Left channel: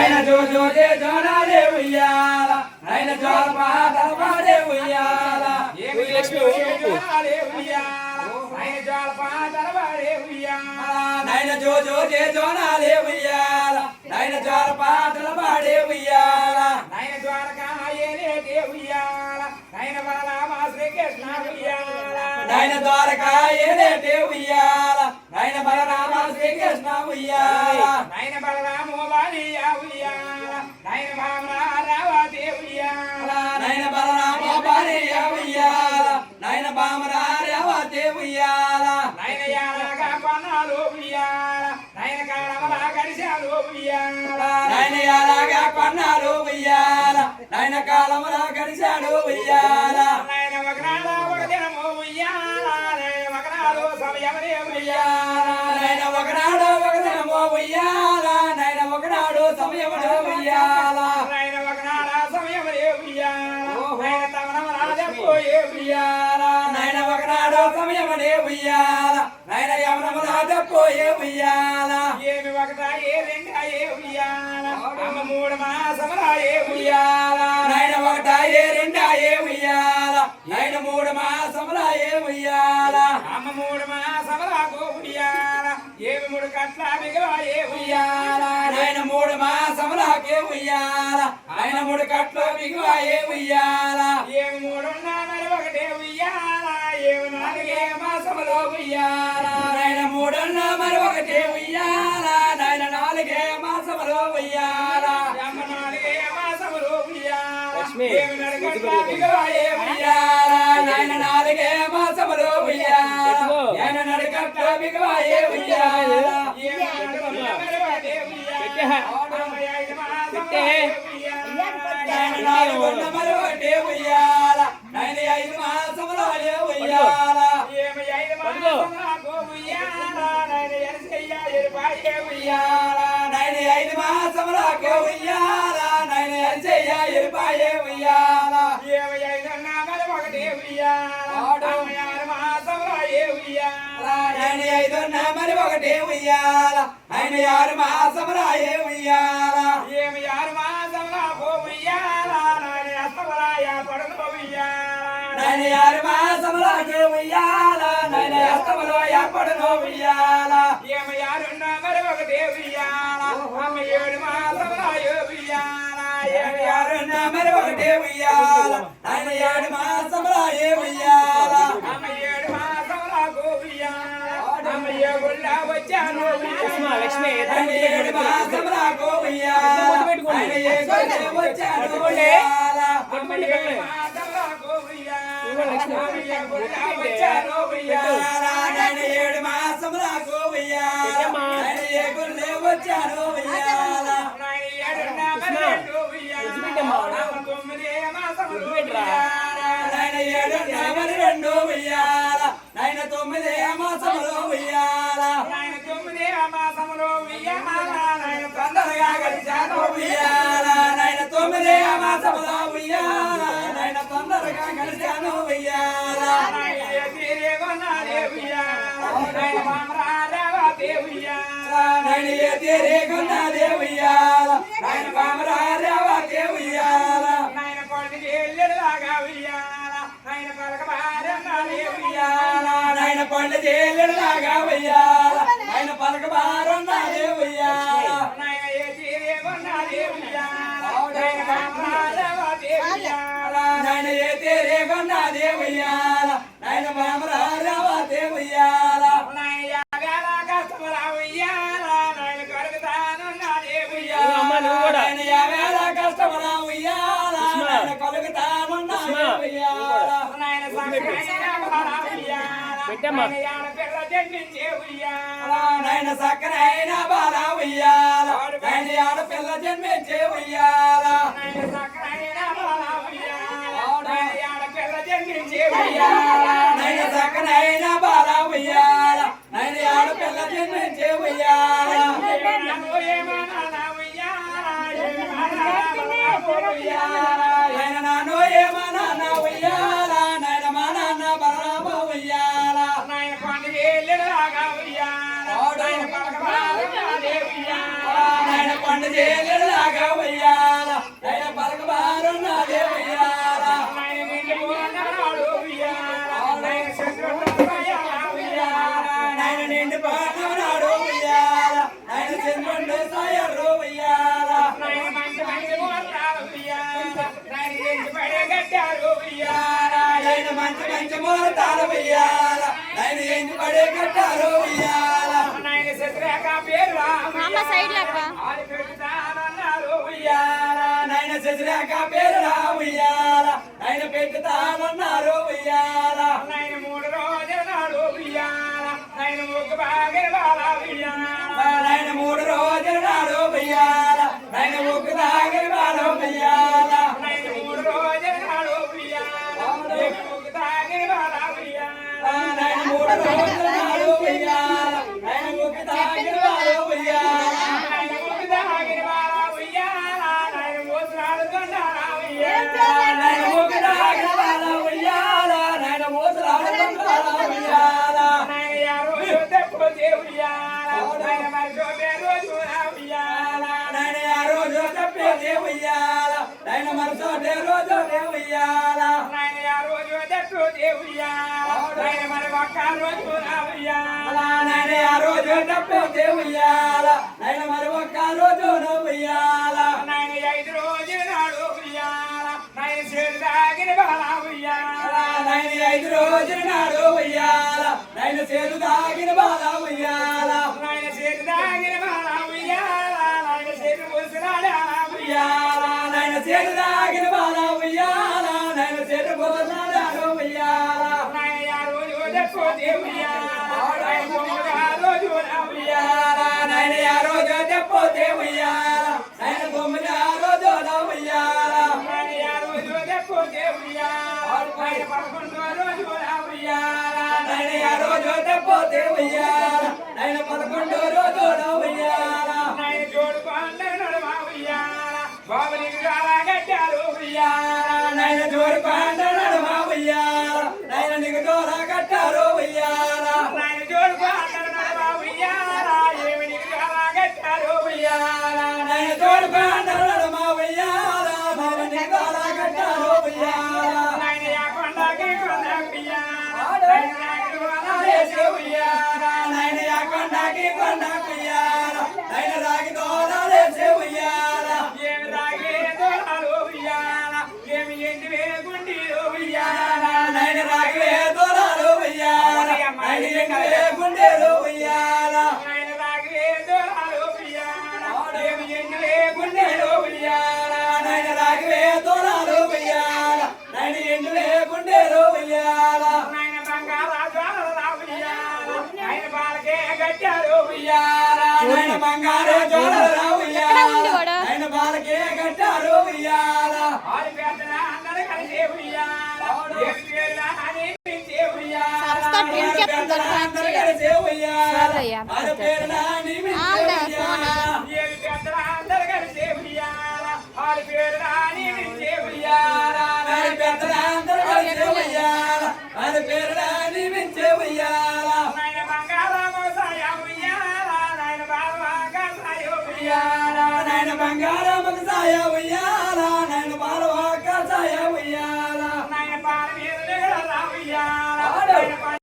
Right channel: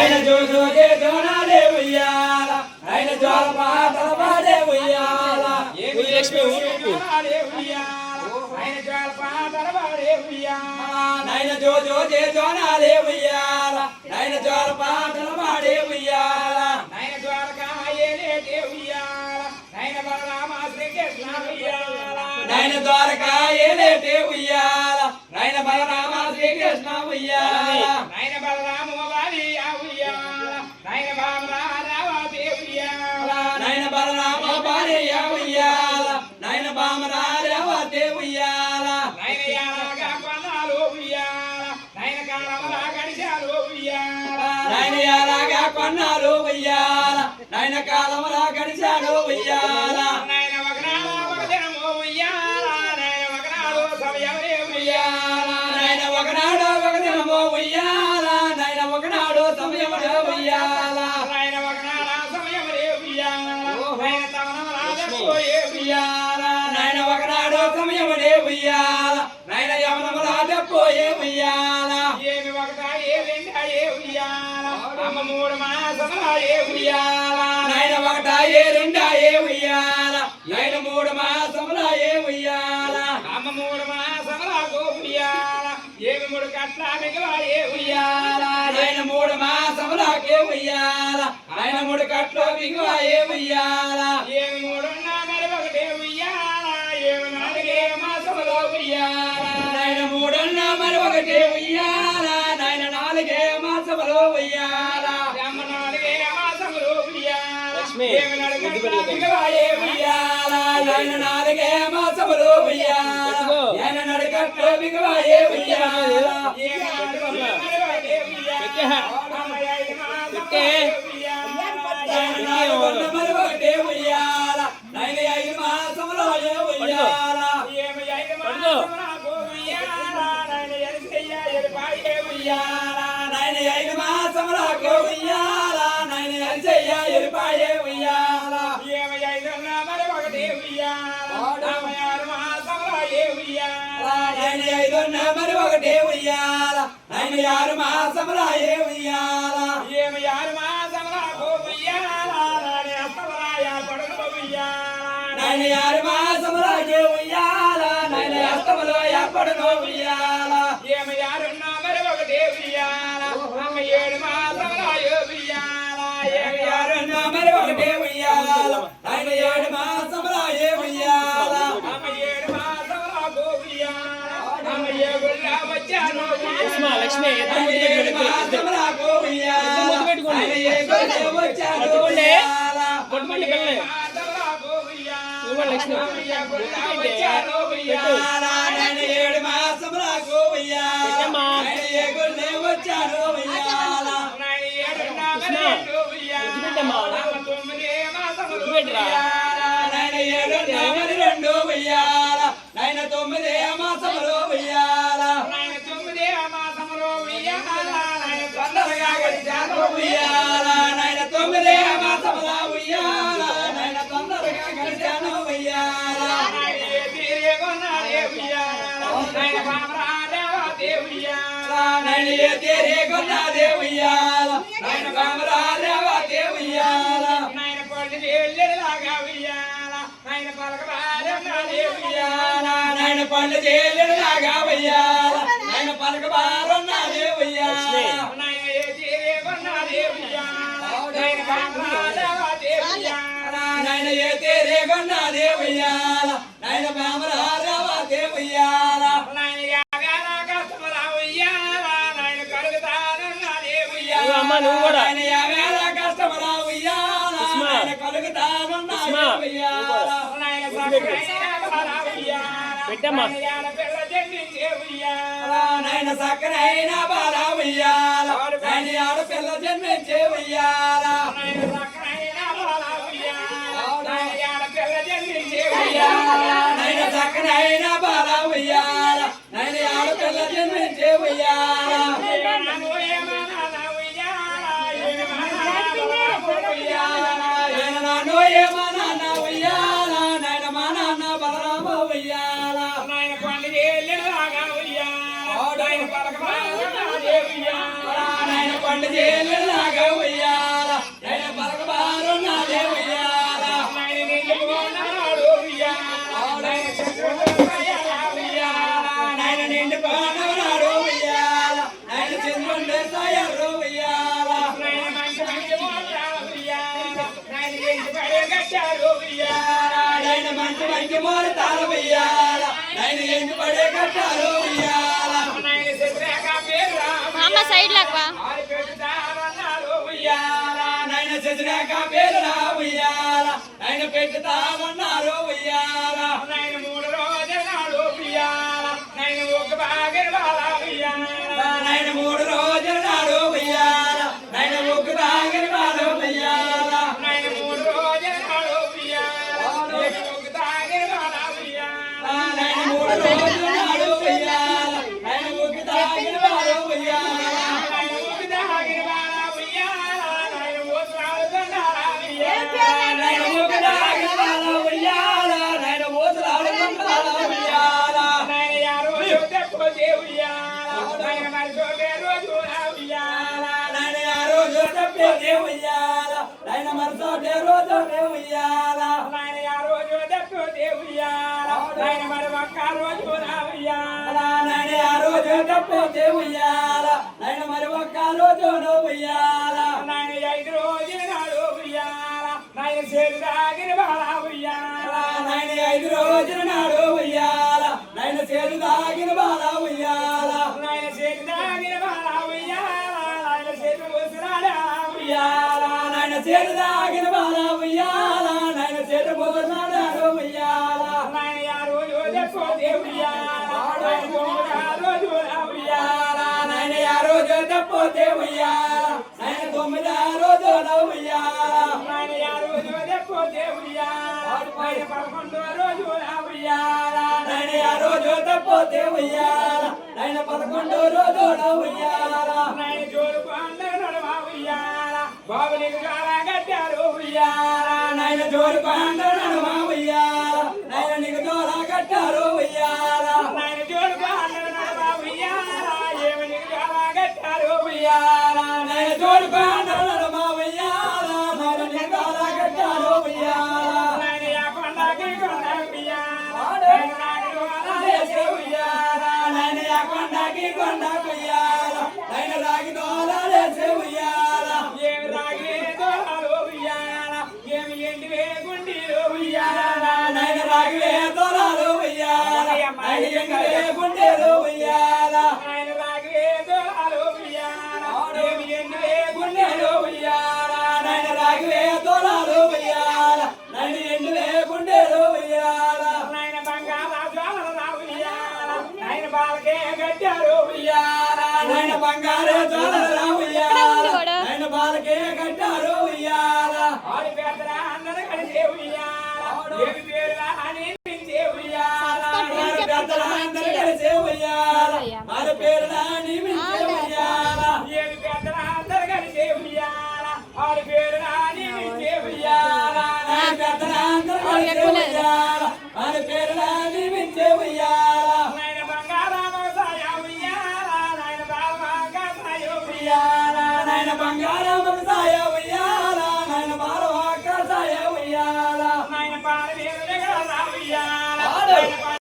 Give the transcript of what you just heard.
నైన జో జే జోనాలే ఉయ్యాల నైన జోల పాటల పాడే ఉయ్యాల ఏమి లక్ష్మి జోనాలే ఉయ్యాల నైన జోల పాటల పాడే ఉయ్యాల నైన జో జే జోనాలే ఉయ్యాల నైన జోల పాటల పాడే ఉయ్యాల నైన ద్వారకామాయేనే ఉయ్యాల నైన బలరామ శ్రీకృష్ణ ఉయ్యాల నైన ద్వారకాయేనే ఉయ్యాల నైన బలరామ శ్రీకృష్ణ ఉయ్యాల నైన బలరామ బాలి ఉయ్యాల నైన బామరావతి ఉయ్యాల నైన బలరామ బాలియ ఉయ్యాల నైన బామరావతి ఉయ్యాల నైన యానగా కొన్నాలు ఉయ్యాల నైన కాలమలా గడిచాలు ఉయ్యాల నైన యాలగా కొన్నాలు ఉయ్యాల నైన కాలములా గడిచాడు ఉయ్యాల నైన ఒకనాడు ఒక దినము ఉయ్యాల నైన ఒకనాడు సమయమనే ఉయ్యాల నైన ఒకనాడు ఒక దినము ఉయ్యాల నైన ఒకనాడు సమయములో ఉయ్యాల నైన ఒకనాడు సమయమనే ఉయ్యాల నైన తమనమరాజపోయే ఉయ్యాల నైన ఒకనాడు సమయమునే ఉయ్యాల నైన యవనములా పోయే ఉయ్యాల ఏమి ఒకట ఏ రెండాయే ఉయ్యాల అమ్మ మూడు మాసములాయే ఉయ్యాల నైన ఒకటాయే రెండాయే ఉయ్యాల నైన మూడు మాసములాయే ఉయ్యాల అమ్మ మూడు మాసములకు ఉయ్యాల ఏమి మూడు కట్ల మిగవాయే ఉయ్యాల నైన మూడు మాసములాకే ఉయ్యాల నైన మూడు కట్లు దిగువాయే ఉయ్యాల ఏమి మూడున్నా మరి ఒకటే ఉయ్యాల ఏమి నాలుగే మాసములో ఉయ్యాల నైన మూడున్న మరి ఒకటే ఉయ్యాల నైన నాలుగే మాసములో ఉయ్యాల అమ్మ నాలుగే మాసములో ఉయ్యాల లక్ష్మి, ఏమి నడుగట్ల మిగవాయే ఉయ్యాల నైన నాలుగే మాసములో ఉయ్యాల నైన నడుకట్లు దిగువాయే ఉయ్యాల నాలుగొన్న మరి ఒకటే ఉయ్యాల నైన 5 మాసములో ఉయ్యాల ఉయ్యాల నైన 5 మాసములకు ఉయ్యాల నైన ఎరిసయ్య ఎరిపాయే ఉయ్యాల నైన 5 మరి ఒకటే ఉయ్యాల నైన 6 మాసములాయే ఉయ్యాల నైన 6 మాసములాకే ఉయ్యాల నైన అస్తములో ఏర్పడును ఉయ్యాల యారున్న మరి ఒకటే ఉయ్యాల నైన 7 మాసములాయే ఉయ్యాల లక్ష్మి నైన 7 మాసములకు ఉయ్యాల నైన ఏ గొల్లె వచ్చాడు ఉయ్యాల ఉయ్యాల నైన 7 మాసములకు ఉయ్యాల నైన ఏ గొల్లె వచ్చాడు ఉయ్యాల నైన 7 మరి 2 ఉయ్యాల నైన 9 మాసములో ఉయ్యాల తొందరగా గడిచాను ఉయ్యాల నైన 9 మాసములో ఉయ్యాల నైన తొందరగా గడిచాను ఉయ్యాల నైన ఏ తీరే కొన్నదే ఉయ్యాల నైన బామరారేవతే ఉయ్యాల ఉయ్యాల నైన పండు చేలులాగా ఉయ్యాల నైన పలకబారున్నదే ఉయ్యాల నైన ఏ తీరే కొన్నదే ఉయ్యాల నైన బామరారేవతే ఉయ్యాల అమ్మ నువ్వు కూడా నైన యావేళ కష్టములా ఉయ్యాల నైన కలుగుతానున్నదే ఉయ్యాల పెట్టమ్మా నైన సక్కనైన బాల ఉయ్యాల నైన ఆడపిల్ల జన్మించే ఉయ్యాల నైన సక్కనైన బాల ఉయ్యాల నైన ఆడపిల్ల జన్మించే ఉయ్యాల నైన నాన్న ఏమో నాన్న ఉయ్యాల నైన మా నాన్న బలరామ ఉయ్యాల నైన పండు చేలులాగా ఇంటి మూల తాళ ఉయ్యాల నాయన ఎండి పడే కట్టారు ఉయ్యాల నాయన శత్రేక పేరు అమ్మ సైడ్ లాక్వా ఆడి పెట్టుతానన్నాడు ఉయ్యాల నాయన శశిరేఖ పేరురా ఉయ్యాల నాయన పెట్టుతానన్నారు ఉయ్యాల నాయన 3 రోజుల నాడు ఉయ్యాల నాయన ఒక బాగర బాల ఉయ్యాల నాయన 3 రోజుల నాడు ఉయ్యాల నాయన ఒక్క దాగరి వాడు ఉయ్యాల నాయన 3 రోజుల నాడు ఉయ్యాల ఒక బాగర బాల ఉయ్యాల నాయన 3 రోజుల నాడు ఉయ్యాల నాయన ఒక్క దాగరి వాడు ఉయ్యాల నాయన ఒక బాగర బాల ఉయ్యాల నాయన ఓసాలు కొండారా ఉయ్యాల నాయన ఒక్క దాగరి వాడు ఉయ్యాల నాయన ఓసలాడు కొండారా ఉయ్యాల నాయన యారో యోదెపోతే ఉయ్యాల నాయన మరి రోజు ఉయ్యాల నాయన ఆ రోజు తప్పే ఉయ్యాల నాయన మరసే రోజు ఉయ్యాల నాయన యారో యోదెపోతే ఉయ్యాల నాయన మరి ఒక్క రోజు ఉయ్యాల నాయన ఆ రోజు తప్పే ఉయ్యాల నాయన మరి ఒక్క రోజు ఉయ్యాల నాయన 5 రోజుల నాడు ఉయ్యాల నాయన చేరుదాగిన బాల ఉయ్యాల నాయన 5 రోజుల నాడు ఉయ్యాల నాయన చేరు దాగిన బాల ఉయ్యాల నాయన చేరుదాగిన బాల ఉయ్యాల నాయన చేరు ముసలాడా ఉయ్యాల నాయన చేరు దాగిన బాల ఉయ్యాల నాయన చేరు బొమ్మలాడు ఉయ్యాల నాయన యారో యోదెపోతే ఉయ్యాల నాయన 9 రోజు ఉయ్యాల నాయన ఆ రోజు తప్పే ఉయ్యాల నాయన 9 రోజు ఉయ్యాల నాయన యారో యోదెపోతే ఉయ్యాల నాయన 11 రోజు ఉయ్యాల నాయన ఆ రోజు తప్పే ఉయ్యాల నాయన 11 రోజు ఉయ్యాల నాయన జోడు పండగ నడవ ఉయ్యాల బాబునికి చాలా కట్టారు ఉయ్యాల నాయన జోడు పంట నడుమ ఉయ్యాల నాయన నీకు జోల కట్టారు ఉయ్యాల నాయన జోడు పండగ నడవ ఉయ్యాల ఏమి నీకు చాలా కట్టారు ఉయ్యాల నాయన జోడు పంట నడుమ ఉయ్యాల నాయన నీకు జోల కట్టారు ఉయ్యాల నాయన యా కొండకి కొండ ఉయ్యాల నాయన నాయుడు రాజేసే ఉయ్యాల నాయన యా కొండకి కొండకు ఉయ్యాల నాయన రాగి దోరాలేసే ఉయ్యాల ఏమి రాగి దోళాలు ఉయ్యాల ఏమి ఎండివే గుండీలు ఉయ్యాల నాయన రాగివే దోరాలు ఉయ్యాల నాయన ఎంగివే గుండెలు ఉయ్యాల నాయన రాగి దోళాలు ఉయ్యాల ఏమి ఎండివే గుండెలు ఉయ్యాల నాయన రాగివే దోరాలు ఉయ్యాల నాయన ఎండివే గుండెలు ఉయ్యాల నాయన బంగాళ జ్వాలల ఉయ్యాల నాయన బాలకే గట్టారు ఉయ్యాల నాయన బంగారే జోలరా ఎక్కడ ఉంది ఉయ్యాల వాడు? నాయన బాలకే కట్టారు ఉయ్యాల ఆడి పెద్దల అందరూ కలిసే ఉయ్యాల ఏమి పేరులా అని పిలిచే ఉయ్యాల సరస్వతి పేరు చెప్తాను అందరూ కలిసే ఉయ్యాల సరేయ్యా. మరి పేరులా నిమిషే ఉయ్యాల ఏమి పెద్దల అందరూ కలిసే ఉయ్యాల ఆడి పేరులా అని పిలిచే ఉయ్యాల నాయన పెద్దలందరూ కలిసే ఉయ్యాల మరి పేరులా నిమిషే ఉయ్యాల నాయన బంగాళామో సాయ ఉయ్యాల నాయన బాలవాగా సాయ ఉయ్యాల ఉయ్యాల నాయన బంగారం సాయ ఉయ్యాల